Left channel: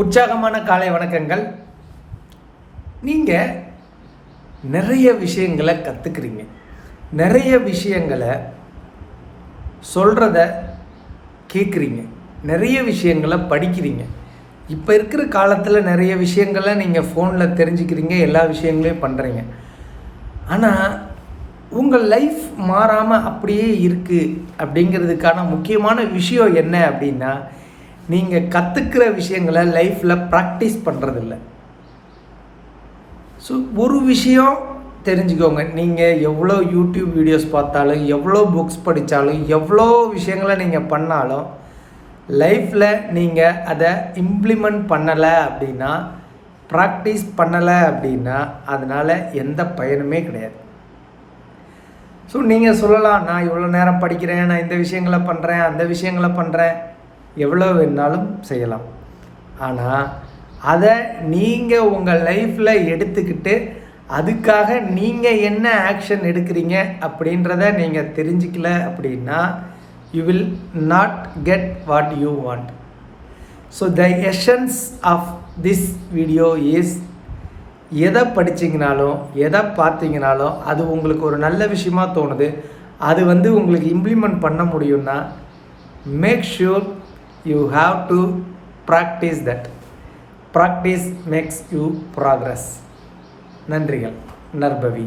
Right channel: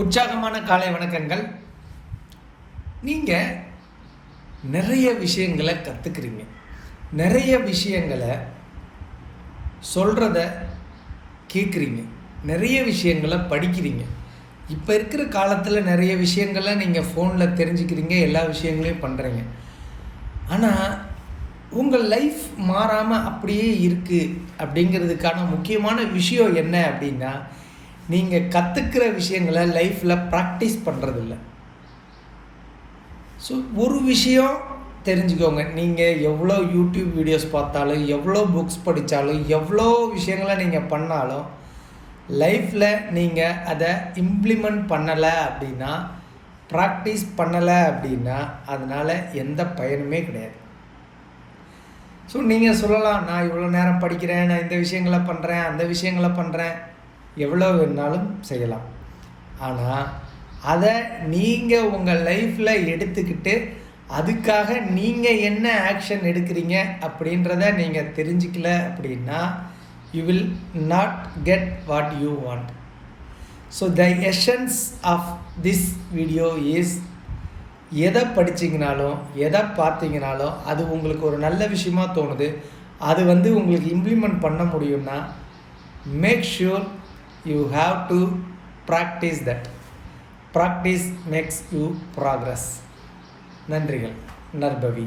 உற்சாகமான காலை வணக்கங்கள். நீங்கள் நிறைய விஷயங்களை கற்றுக்குறீங்க, நிறைய விஷயங்களை சொல்கிறத கேட்குறீங்க, நிறைய விஷயங்களை படிக்கிறீங்க. இப்போ இருக்கிற காலத்தில் நிறைய விஷயங்களை நீங்கள் ஃபோனில் தெரிஞ்சுக்கிறீங்க, எல்லா விஷயங்களையும் பண்ணுறீங்க. ஆனால் உங்கள் லைஃப் மாறாமல் அப்படியே இருக்குது அப்படிங்கிறதுக்கான முக்கியமான விஷயம் என்ன அப்படின்னா, நீங்கள் கற்றுக்கிற விஷயங்களை லைஃப்பில் ப்ராக்டிஸ் பண்ணுறதில்ல. ஸோ ஒரு விஷயம் தெரிஞ்சுக்கோங்க, நீங்கள் எவ்வளோ யூடியூப் வீடியோஸ் பார்த்தாலும், எவ்வளோ புக்ஸ் படித்தாலும், எவ்வளோ விஷயங்களை நீங்கள் பண்ணாலும் லைஃப்பில் நீங்கள் அதை இம்ப்ளிமெண்ட் பண்ணலை அப்படின்னா, ப்ராக்டிஸ் பண்ணலை அப்படின்னா அதனால் எந்த பயனுமே கிடையாது. ஸோ நீங்கள் சொல்லலாம், நான் இவ்வளோ நேரம் படிக்கிறேன், நான் இந்த விஷயங்களை பண்ணுறேன், அந்த விஷயங்களை பண்ணுறேன், எவ்வளோ வேணாலும் செய்யலாம். ஆனால் அதை நீங்கள் உங்கள் லைஃப்பில் எடுத்துக்கிட்டு அதுக்காக நீங்கள் என்ன ஆக்ஷன் எடுக்கிறீங்க அப்படின்றத நீங்கள் தெரிஞ்சுக்கல அப்படின்னா you will not get what you want. So the essence of this video is, எதை படிச்சிங்கனாலும் எதை பார்த்தீங்கனாலும் அது உங்களுக்கு ஒரு நல்ல விஷயமா தோணுது, அது உங்களுக்கு இம்ப்ளிமெண்ட் பண்ண முடியும்னா make sure you have to practice that. Practice makes you progress. நன்றிகள். நற்பவி.